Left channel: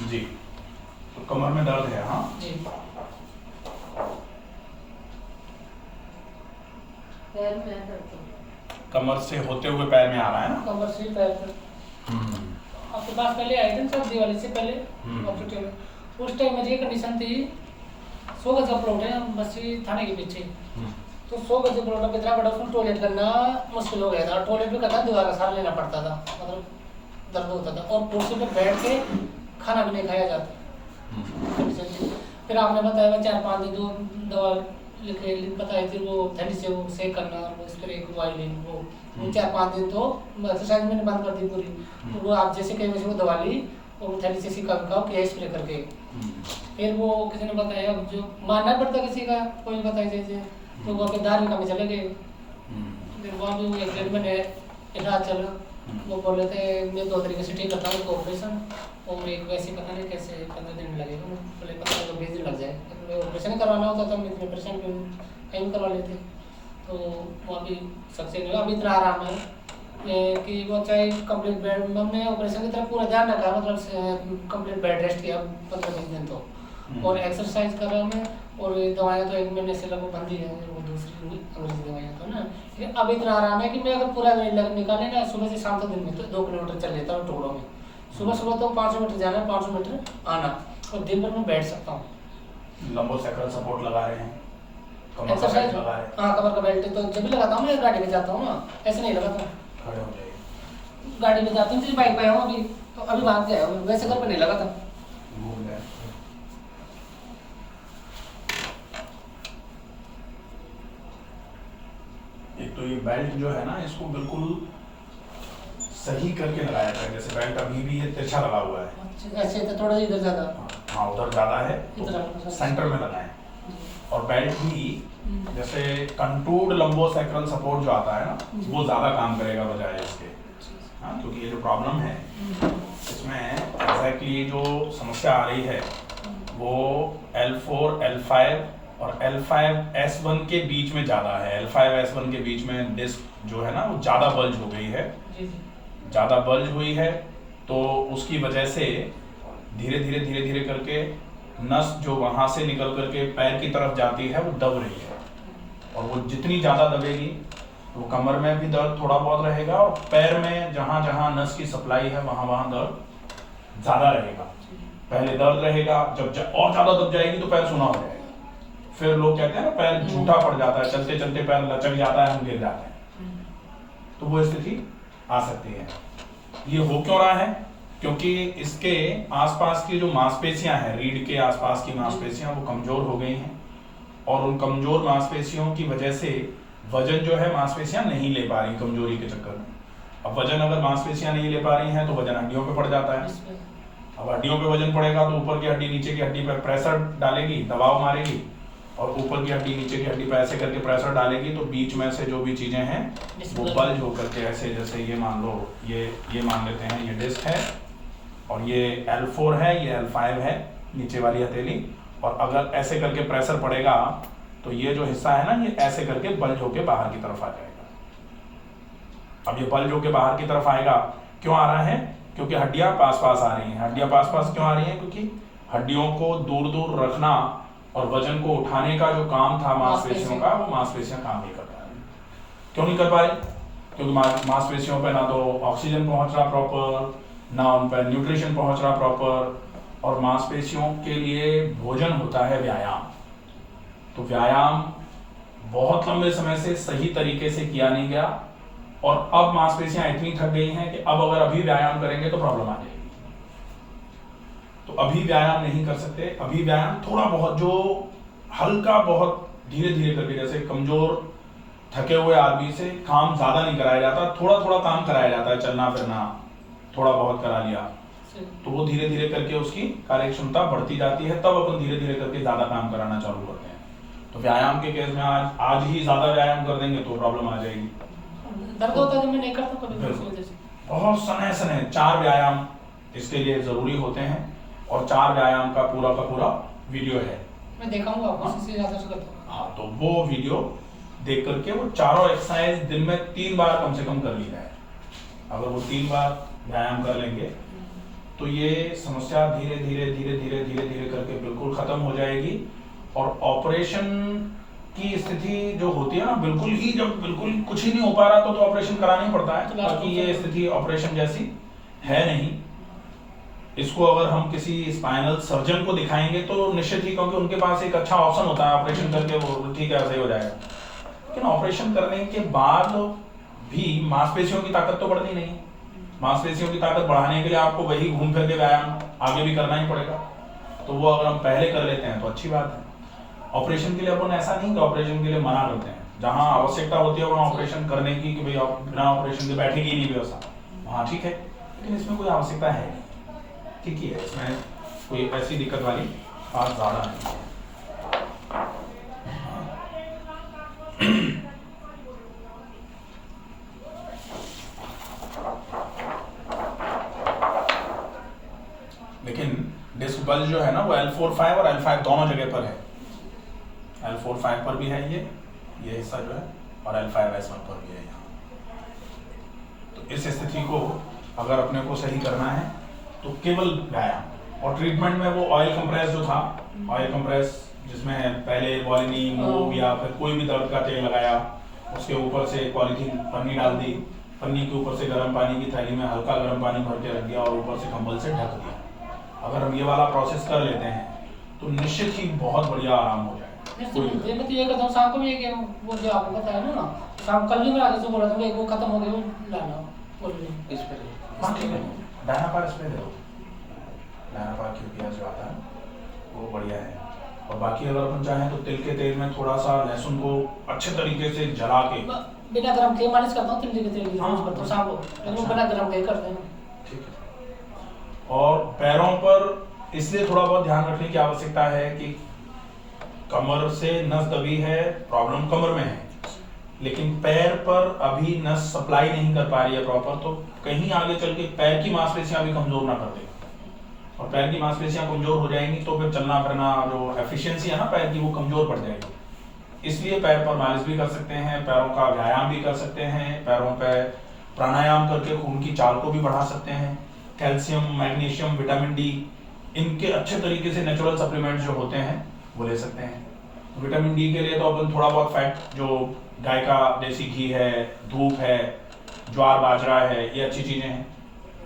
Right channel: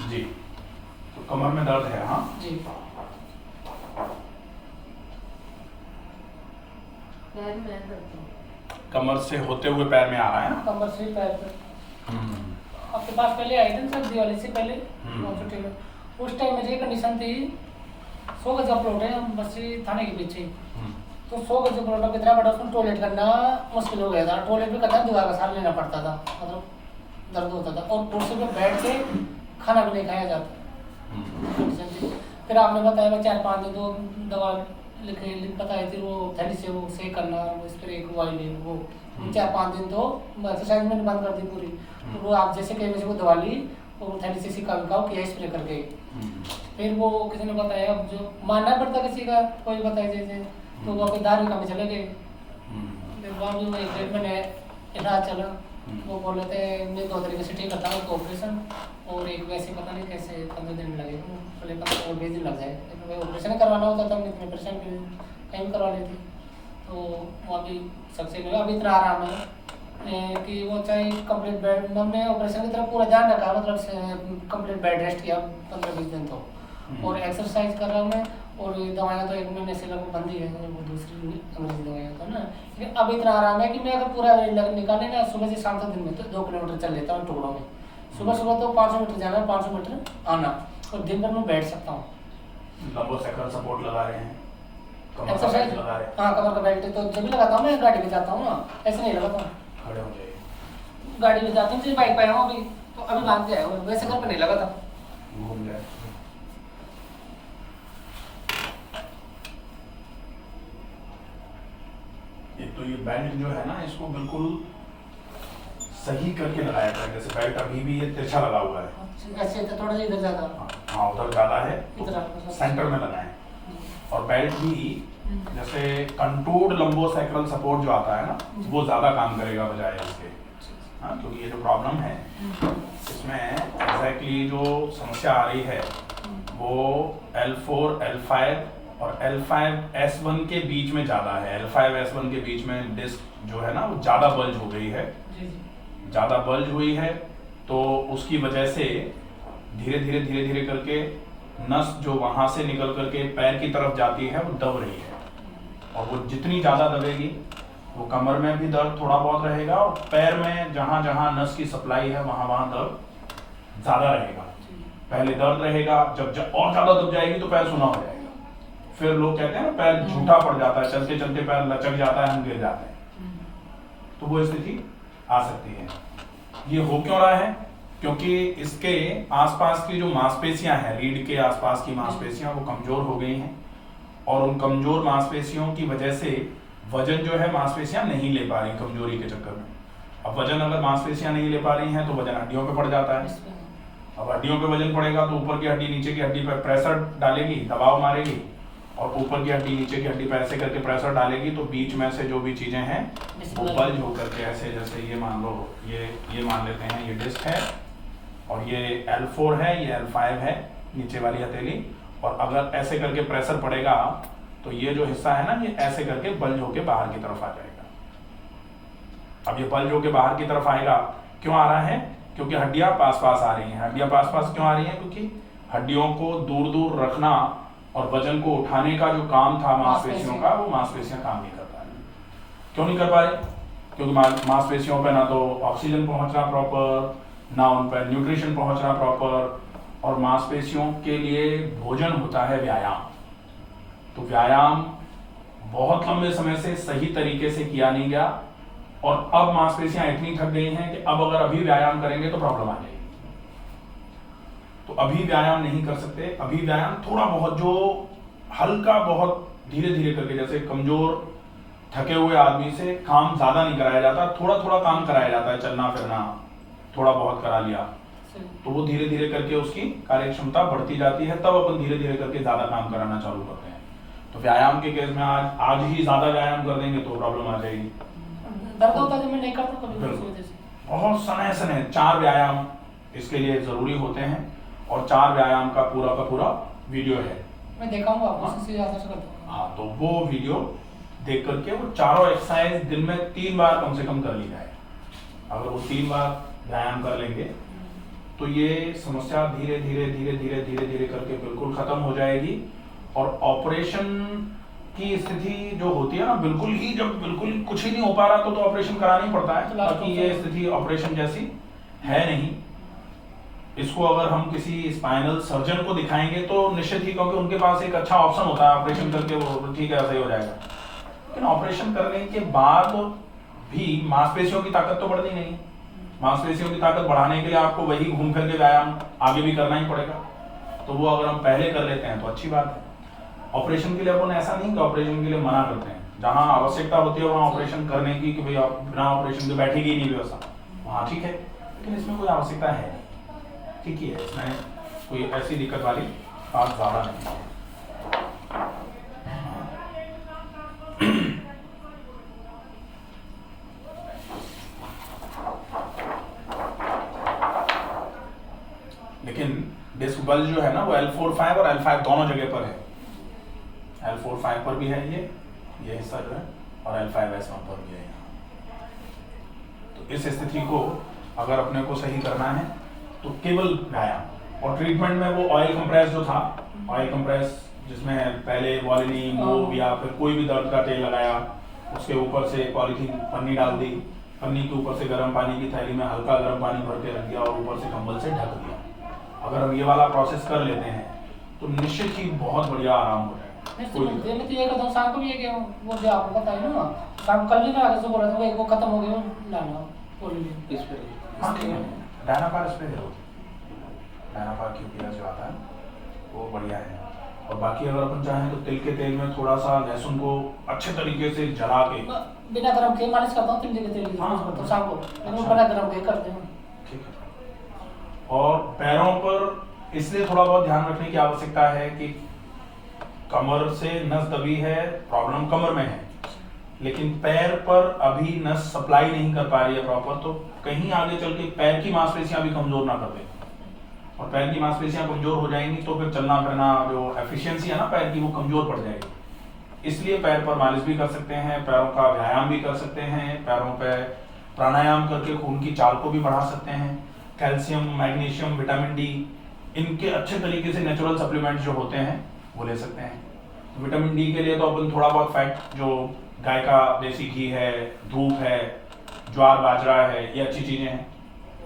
जी। तो कमर में दर्द है? हाँ जी। पैर में दर्द है। कमर से होते हुए पैर में आ रहा है ना? कमर से पैर तक। हम्म, आपके पास पहले आए थे ना सर, दिवाली से पहले हम्म। हॉस्पिटल में। उस टाइम मेरी ये कंडीशन थी, 100 गज का प्लॉट है बस्ती थाने के पीछे। हम्म, तो 100 गज का प्लॉट इतना बड़ा, उसमें टॉयलेट करना मुश्किल हो गया था। टॉयलेट भी करना दीवार का सहारा लेना पड़ता था, मतलब दर्द होता था। और कुर्सी पे बैठ के खाना भी नहीं खाया जाता हम्म, कंडीशन थी। फिर आपने बताया 4-5 दिन तो दवा लिखे बताई थी, वो थैली से वो सेक करना, वो स्प्रे वाइलिन वो 4-5 दिन तो एक्सरसाइज मैंने बंद कर दी पूरी। तो वो आप जैसे कहीं वैसे वो दवा ली और वो थैली से सिका विकाओ किया स्प्रे करके। फिर वो किसी ने बताया, अब जो मानना पड़ता किसी का, कोई बताए जैसे, तो वो अपने दारू का में चले गए। फिर वहाँ भी 1-1.5 महीने इलाज चला। वो बोल रहे थे मैं 2 तरीके से ठीक करता हूँ, तो ऑपरेशन और एक वैसे पता नहीं कैसे 15 दिन लगेगा। वो बोले 15-20 दिन लग जाए। ऑपरेशन करवाना होता था, मैं इतने परेशान कहीं करवा लेते। तो वो अभी सक्सेस नहीं हुआ। अभी इतना आराम है कि वो चाहे कंप्लीट बेड, हमने ऑपरेशन की तरफ पूरा ध्यान रखा, मतलब कंप्लीट बेड रेस्ट किया 15-20 दिन तो। और एक्सरसाइज कर रहा हूँ मैं। और दवाइयाँ तो 1 महीने से लगभग बंद ही है, वो दूसरी अंग्रेजी दवाइयाँ तो ना। लेकिन अब इतना आराम है कि मैं अगर पूरा निकाले ना, सुबह से शाम तक दिन में तो 2 किलोमीटर चल लेता हूँ टुकड़ों में। सुबह सुबह तो 500 मीटर जाना, 500 मीटर आना, और दिन भर में बैठ सकता हूँ। लंबोसेक्रल सपोर्ट लगा रहे हैं, कमर का एक्सरसाइज, बेल्ट लगा रहे हैं? हाँ कमर का बेल्ट तो जब भी लगाता हूँ, मैं गाड़ी पे जाता हूँ ना, ऐसे नहीं लगाता हूँ। खड़े हो जाइए, गाड़ी पे जाता हूँ, बाइक पे आया हूँ अभी, तो अभी बांध के आया हूँ, वैसे घर पे नहीं लगाता। घूम गए। एक तो ये बेल्ट जो है ना, इसको बिल्कुल सही करके लगाया जाए। जैसे बेल्ट अभी भी ये तिरछा लगा हुआ है, ऐसे तो थोड़ा सा इधर ज़्यादा, हाँ उधर ज़्यादा है, इधर तो सेंटर में लगाएं। और बेल्ट भी जैसे कंटूर्ड लंबोसेक्रल सपोर्ट जो आता है ना, वो ज़्यादा काम करेगा बजाय इसके। हाँ, क्योंकि ये जो प्रॉब्लम है इसमें एग्जैक्टली जो समस्या आ रही है वो L4, L5 और L5S1 के बीच में ज़्यादा है। L5S1 के बीच में डिस्क जो है ना, वो ज़्यादा बल्ज हो गई है, ज़्यादा बल्ज हुई है। तो उसकी वजह से धीरे धीरे धीरे धीरे करके नस जो वहाँ से निकल करके पैर की तरफ जाती है वो दब रही है। और वो जितनी ज़्यादा दबेगी, वो कमर में भी दर्द थोड़ा बहुत रहेगा, और पैर में जहाँ जहाँ नस की सप्लाई है वहाँ वहाँ दर्द ज़्यादा रहेगा। पहले दर्द रहेगा, जब और ज़्यादा दब जाएगी तो पैर सुना हो जाएगा। फिर लोग कहते हैं ना पैर झूठा पड़ जाता है, चलते चलते पैर लचक जाता है, हम गिर जाते हैं। तो वो स्थिति आ सकती है। ये हो क्यों रहा है? क्योंकि इसके आसपास की जो मांसपेशियां हैं, रीढ़ के आसपास की मांसपेशियां, वो कमजोर हो गई हैं। और उन कमजोर मांसपेशियों की वजह से वजन जो है मांसपेशियां नहीं ले पा रही कमजोरी के चक्कर में। अब वजन अगर मांसपेशियां नहीं ले पा रही हैं तो वजन हड्डियों पे पड़ जाता है। अब हड्डियों पे वजन पड़ेगा तो ऊपर की हड्डी नीचे की हड्डी पे प्रेशर डालेगी, दबाव मारेगी, और ऊपर की हड्डी नीचे की हड्डी पे ऐसे करके प्रेशर डालेगी, तो बीच में से जो भी चीजें हैं वो बल्ज होकर के ऐसे, जैसे ये मान लो, ये मान लेते हैं ये डिस्क है, और ये L4 है, ये L5 है नीचे वाली हथेली। और अगर ऐसे करके प्रेशर पड़ेगा तो ये जो हिस्सा है ना, ये ऐसे करके बल्ज होके बाहर की तरफ आ जाएगा। अब ये बल्ज होके बाहर की तरफ आएगा, क्यों आ रहा है? क्योंकि हड्डियां पास पास आ रही हैं। हड्डियां पास पास क्यों आ रही हैं? क्योंकि हड्डियों को दूर दूर रखना और वजन को उठाने का जो काम था मांसपेशियों का, वो मांसपेशियां काम नहीं कर पा रही। क्यों नहीं कर पा रही? क्योंकि मांसपेशियों पे ना तो ऑक्सीजन पहुंच रहा प्रॉपर, ना उन पर न्यूट्रिशन पहुंच रहा प्रॉपर। और मांसपेशियों के लिए भोजन होता है व्यायाम। तो व्यायाम बहुत लंबे समय से सही तरीके से किया नहीं गया, और अब मांसपेशियां इतनी थक गई हैं कि अब अगर अभी व्यायाम करेंगे तो प्रॉब्लम आ जाएगी। तो अभी व्यायाम नहीं कर सकते। अभी व्यायाम थोड़ा बहुत, जो हल्का बहुत धीरे धीरे करके, जैसे कमजोर थके हुए आदमी से काम ज्यादा नहीं कराया जाता, थोड़ा थोड़ा काम कराया जाता है, चलना फिरना थोड़ा बहुत करा लिया, तो वो धीरे धीरे करके उसकी कार्य क्षमता बढ़ती जाती है। तब अपन धीरे धीरे करके ज्यादा काम कराना चालू करते हैं। तो व्यायाम के केस में आज ही ज्यादा व्यायाम कर देंगे तो प्रॉब्लम आ जाएगी। दर्द होता है जब मैं नहीं करता कभी इस वजह से। बहुत सने सने 4 व्यायाम इसके लिए जरूरी होते हैं, और 4 व्यायाम का पूरा वीडियो है, मैं देखाऊंगा आपको, इससे ज्यादा से करता हूं। हाँ, तो वो वीडियो देख करके वो चारों एक्सरसाइज दिन में 3 बार कम से कम कर ली जाए। अगर वो 3 बार व्यायाम कर लेंगे तो ये समस्या धीरे धीरे धीरे धीरे धीरे धीरे करके बिल्कुल खत्म हो जाएगी। और ऑपरेशन की स्थिति जो होती है ना, बिल्कुल ही जब बिल्कुल कुछ ही नहीं हो पा रहा तो ऑपरेशन कराना ही पड़ता है। तो लास्ट बाकी ये स्थिति ऑपरेशन जैसी है नहीं। इसको अगर हम किसी स्पाइनल सर्जन को दिखाएंगे तो निश्चित ही, क्योंकि उनके पास एक अच्छा ऑप्शन होता है ऑपरेशन करके वो ठीक है सही हो जाएगा। लेकिन ऑपरेशन करने के बाद भी मांसपेशियों की ताकत तो बढ़ती नहीं। मांसपेशियों की ताकत बढ़ाने के लिए आपको वही घूम फिर के व्यायाम आगे भी करना ही पड़ेगा। तो वो अगर हम पहले कर लेते हैं तो अच्छी बात है। ऑपरेशन के लिए अपन ऐसा नहीं कि ऑपरेशन के लिए मना करते हैं, जहां आवश्यकता होती है वहां ऑपरेशन करने की, कि भाई बिना ऑपरेशन के बैठेगी ही नहीं व्यवस्था, वहां ठीक है। लेकिन इसमें कोई आवश्यकता है नहीं, ठीक ही है, इसमें कोई ऐसी दिक्कत वाली बात ज्यादा नहीं है। लेकिन डिस्क बल्ज जो है ना वो L4-5 और L5 दोनों जगह पर है। L4-5 पर भी है ये हिस्सा जो है, और L5S1 पर भी है यहाँ। तो इस स्थिति को अगर अपने को सही करना है तो केवल व्यायाम और ट्रीटमेंट में वो ऑयल कंप्रेस जो था, ऑयल कंप्रेस जिसमें पहले वॉलिनी मूव या फिर कोई भी दर्द का तेल लगाया, उसके ऊपर से पॉलीथीन पन्नी डाल दी, पन्नी के ऊपर से गर्म पानी की थैली में हल्का गर्म पानी भर के रख दिया और ऊपर से कंबल से ढक दिया। अगर हम ये वाला प्रोसेस कर लेते हैं तो निश्चित ही बहुत बढ़िया आराम हो जाएगा। मैं तो ये करता हूँ शाम को भी, ये वो जो आपने बताया ना, शाम कल भी मैं आगे से बोला था वो खत्म हो गया, वो लाना बोलिए इस पर। हाँ ठीक है, डायनापार स्प्रे दे दो। डायनापार क्यूपिया जो आता है वो बढ़िया है। और बाकी अगर अपन चाहें तो तिल के तेल में थोड़ा सा लहसुन को अच्छे तरीके से जला के, बिना गरम के मालिश करता हूँ, तिल के तेल की मालिश करता हूँ शाम को, लेकिन बिना गरम के करते हैं। ठीक है। और पैरों पर इसलिए थोड़ा बहुत ध्यान रखने की आवश्यकता है कि कमर से नस दबी है, प्रॉब्लम कमर में है, लेकिन पैर पर अभी नस सप्लाई नहीं कर पा रही है प्रॉपर, तो कहीं आगे चल के पैर की मांसपेशियां भी कमजोर ना कर दे। और पैर की मांसपेशियां कमजोर हो जाएंगी तो फिर चलना फिरना जो एफिशिएंसी है ना पैर की, वो कमजोर पड़ जाएगी। इसलिए पैर पर मालिश भी कर सकते हैं, पैरों का व्यायाम भी कर सकते हैं, पैरों पर प्राणायाम करके खून की चाल को भी बढ़ा सकते हैं। कैल्शियम, मैग्नीशियम, विटामिन डी, इनके अच्छे तरीके से नेचुरल सप्लीमेंट जो होते हैं वो ले सकते हैं। विटामिन डी के लिए तो अपन थोड़ा बहुत फैट, जो गाय का देसी घी है, धूप है, ज्वार बाजरा है, ये अच्छी चीज़ें हैं।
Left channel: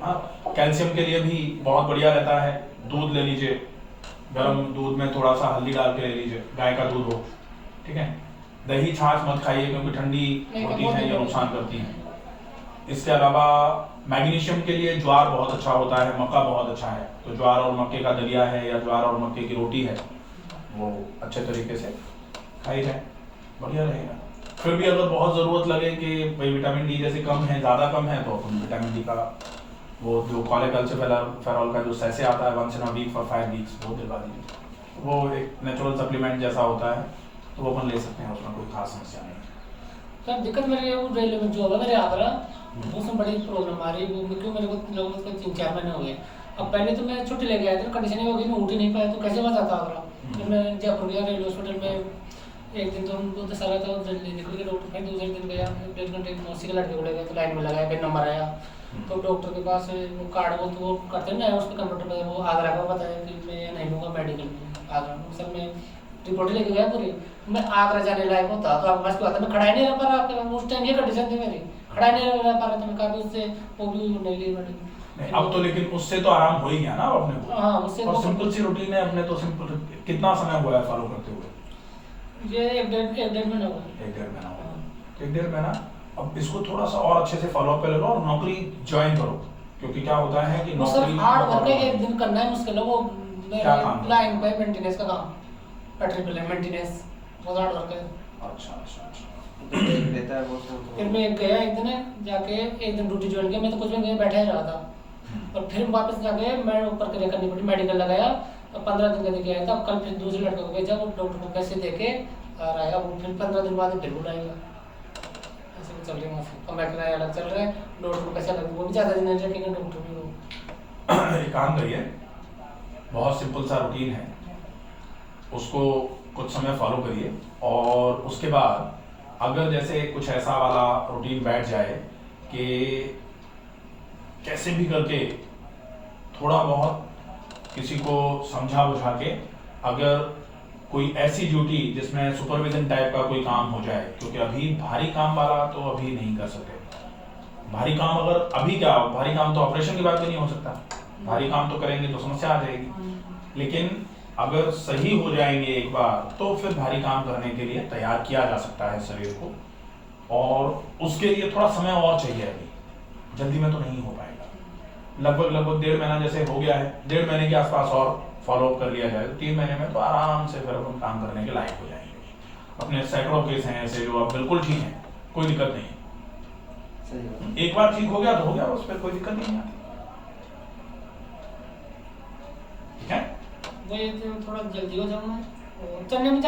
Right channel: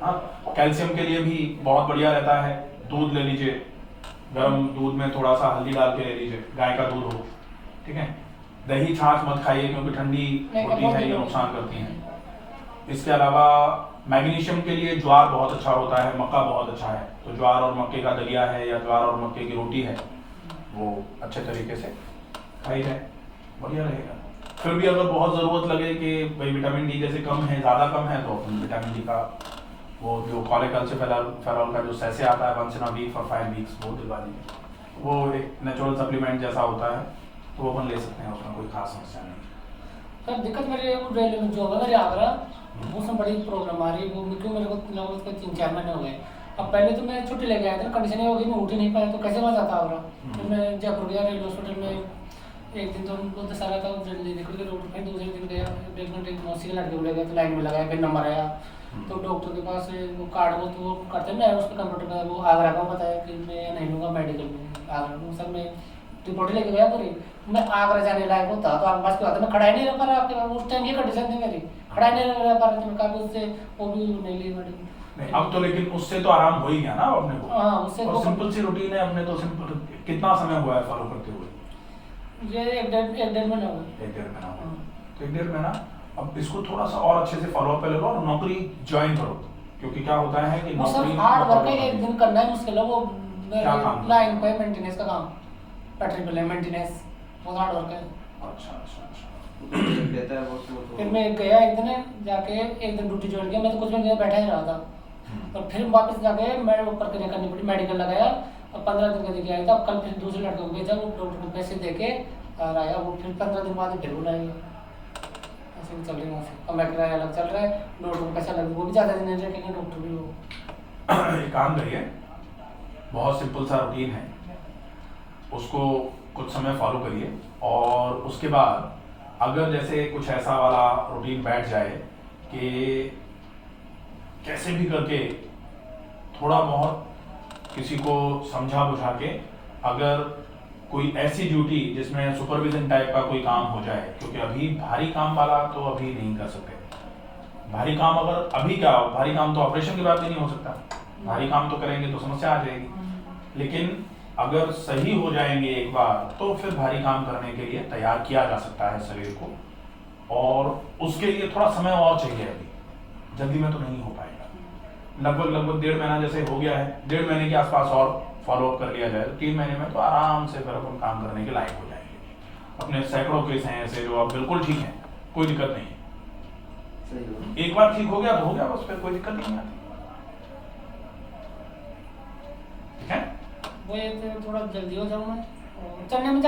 हाँ, कैल्शियम के लिए भी बहुत बढ़िया रहता है, दूध ले लीजिए, गर्म दूध में थोड़ा सा हल्दी डाल के ले लीजिए, गाय का दूध हो, ठीक है। दही छाछ मत खाइए क्योंकि ठंडी होती है, ये नुकसान करती है। इसके अलावा मैग्नीशियम के लिए ज्वार बहुत अच्छा होता है, मक्का बहुत अच्छा है, तो ज्वार और मक्के का दलिया है या ज्वार और मक्के की रोटी है, वो अच्छे तरीके से खाई जाए, बढ़िया रहेगा। फिर भी अगर बहुत ज़रूरत लगे कि भाई विटामिन डी जैसे कम है, ज़्यादा कम है, तो अपन विटामिन डी का वो जो कॉलेकैल्सिफेरॉल का जो सैसे आता है 1 वीक फॉर 5 वीक्स, वो दिलवा दीजिए। वो एक नेचुरल सप्लीमेंट जैसा होता है, तो वो अपन ले सकते हैं, उसमें कोई खास समस्या नहीं। सर दिक्कत मेरी वो रेलवे में जो है मेरे आगरा, उसमें बड़ी प्रॉब्लम आ रही है। वो क्यों मेरे को लगभग 3-4 महीने हो गए। अब पहले तो मैं छुट्टी लेके आया था, कंडीशन ये हो गई मैं उठ ही नहीं पाया, तो कैसे मैं जाता आगरा। फिर मैं जयपुर गया रेलवे हॉस्पिटल में, एक दिन तो उनको दशहरा था, जल्दी निकल के रोड, फिर दूसरे दिन गया, 1.5 घंटे मौसी के लड़के को ले गया, तो लाइन में लगाया, फिर नंबर आया, तो डॉक्टर के पास वो कार्ड वो तो वो करते ना, उस पर कंप्यूटर पर वो आगरा का बताया कि मैं नहीं लूँगा मेडिकल में आगरा में। सर मैं रिपोर्ट लेके गया पूरी, मैं आगरा जाने लायक होता तो आपके पास की बात है, मैं खड़ा ही नहीं रह पा रहा आपके पास, उस टाइम ये कंडीशन थी मेरी, खड़ा ही नहीं रह पा रहा था मैं, काफ़ी उससे वो भी नहीं ली मेडिकल। अब तो लेकिन उससे तो आराम हो ही गया ना अपने को। हाँ, उससे और सिंपल सी रूटीन है अपने तो, सिंपल। कितना समय हुआ है फॉलो करते हुए? ये एक डेढ़ महीना हुआ। 1-1.5 महीना हुआ। तो 1-1.5 महीना अब इसको थोड़ा सा और अच्छे से फॉलो अप ले लो और नौकरी ज्वाइन करो, क्योंकि क्या होता है कि वो सर हार्ड वर्क है, एक दिन करना है मुश्किल है। वो लाइन पे मेंटेनेंस का काम, पटरी पे मेंटेनेंस, बहुत हार्ड वर्क है। अच्छा अच्छा अच्छा। लेता है वो फिर मैं गया एक दिन जाके, एक दिन ड्यूटी ज्वाइन किया, मैं तो कुछ भी बैठा ही रहा था, और फिर वापस जाके मैं ऊपर क्रिया करनी पड़ी, मेडिकल लगाया और 15 दिन का देके आया था। अब कल फिर दूसरे लड़के को भेजा, वो डॉक्टर को पैसे देके आ रहा है, अब फिर 15 दिन बाद फिर बुलाएगा। ऐसे भी चल रही है वहाँ से, अब मैं किराया अलग चल रहा है, डॉक्टर को पैसा लग, वो भी ज़्यादा दिन नहीं रखेंगे डॉक्टर भी। वो एक काम करिए, बहुत सिंपल सा रूटीन है, उसको कुछ समय फॉलो करिए, और उसके बाद अगर जैसे कुछ ऐसा वाला रूटीन बैठ जाए कि कैसे भी करके थोड़ा बहुत किसी को समझा बुझा के, अगर कोई ऐसी ड्यूटी जिसमें सुपरविजन टाइप का कोई काम हो जाए, क्योंकि अभी भारी काम वाला तो अभी नहीं कर सकते। भारी काम अगर अभी क्या हो, भारी काम तो ऑपरेशन के बाद भी नहीं हो सकता, भारी काम तो करेंगे तो समस्या आ जाएगी। लेकिन अगर सही हो जाएंगे एक बार तो फिर भारी काम करने के लिए तैयार किया जा सकता है शरीर को, और उसके लिए थोड़ा समय और चाहिए। अभी जल्दी में तो नहीं हो पाएगा। लगभग 1.5 महीना जैसे हो गया है, 1.5 महीने के आसपास और फॉलोअप कर लिया जाए तो 3 महीने में तो आराम से फिर अपन काम करने के लायक हो जाएंगे। अपने सैकड़ों केस हैं ऐसे जो अब बिल्कुल ठीक हैं, कोई दिक्कत नहीं है। एक बार ठीक हो गया तो हो गया, बस फिर कोई दिक्कत नहीं आती। ठीक है, वो ये तो थोड़ा जल्दी हो जाऊँ मैं। और चलने में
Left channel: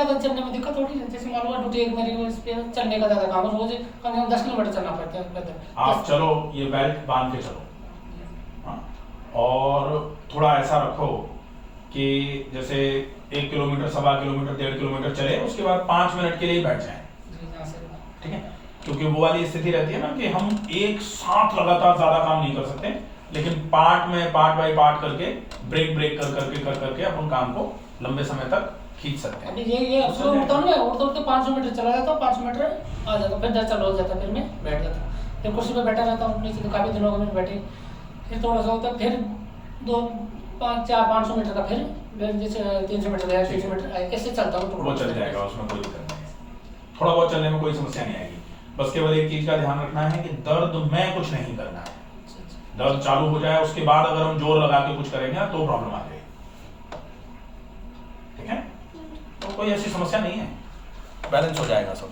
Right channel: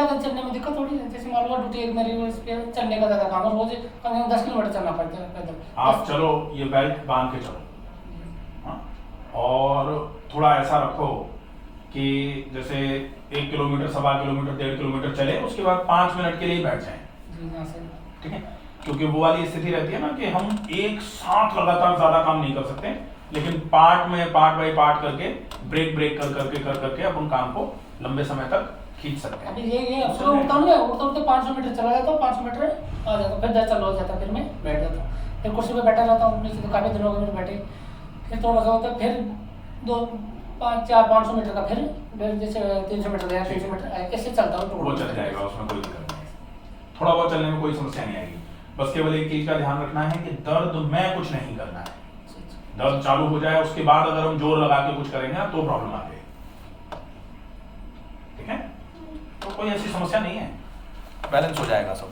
दिक्कत थोड़ी है। जैसे मान लो ड्यूटी एक मेरी वो इस पे चलने का ज़्यादा काम है, रोज कम से कम 10 किलोमीटर चलना पड़ता है पैदल। आप चलो, ये बेल्ट बांध के चलो। हाँ, और थोड़ा ऐसा रखो कि जैसे 1 किलोमीटर, 1.25 किलोमीटर, 1.5 किलोमीटर चले, उसके बाद 5 मिनट के लिए ही बैठ जाएं। जी हाँ सर। ठीक है, क्योंकि वो वाली स्थिति रहती है ना कि हम एक साथ लगातार ज्यादा काम नहीं कर सकते, लेकिन पार्ट बाय पार्ट करके ब्रेक कर करके अपन काम को लंबे समय तक खींच सकते हैं। अभी ये सुबह उठता हूँ मैं, उठते 500 मीटर चला जाता हूँ, 500 मीटर आ जाता हूँ, फिर 10 चलो हो जाता, फिर मैं बैठ जाता हूँ, फिर कुर्सी पे बैठा रहता हूँ। नीचे तो काफ़ी दिन हो गए मेरे बैठे, फिर थोड़ा सा होता है, फिर 500 मीटर का, फिर जैसे 300 मीटर गया, 300 मीटर आया, ऐसे चलता हूँ। वो चल जाएगा, उसमें कोई दिक्कत नहीं है। थोड़ा बहुत चलने में कोई समस्या नहीं आएगी। बस केवल एक चीज का ध्यान रखना है कि दर्द में कुछ नहीं करना है। दर्द चालू हो जाए उसके बाद अगर हम जोर लगा के कुछ करेंगे तो प्रॉब्लम आ जाएगी। ठीक है, तो कोई ऐसी समस्या नहीं है, बैलेंस हो जाएगा सब।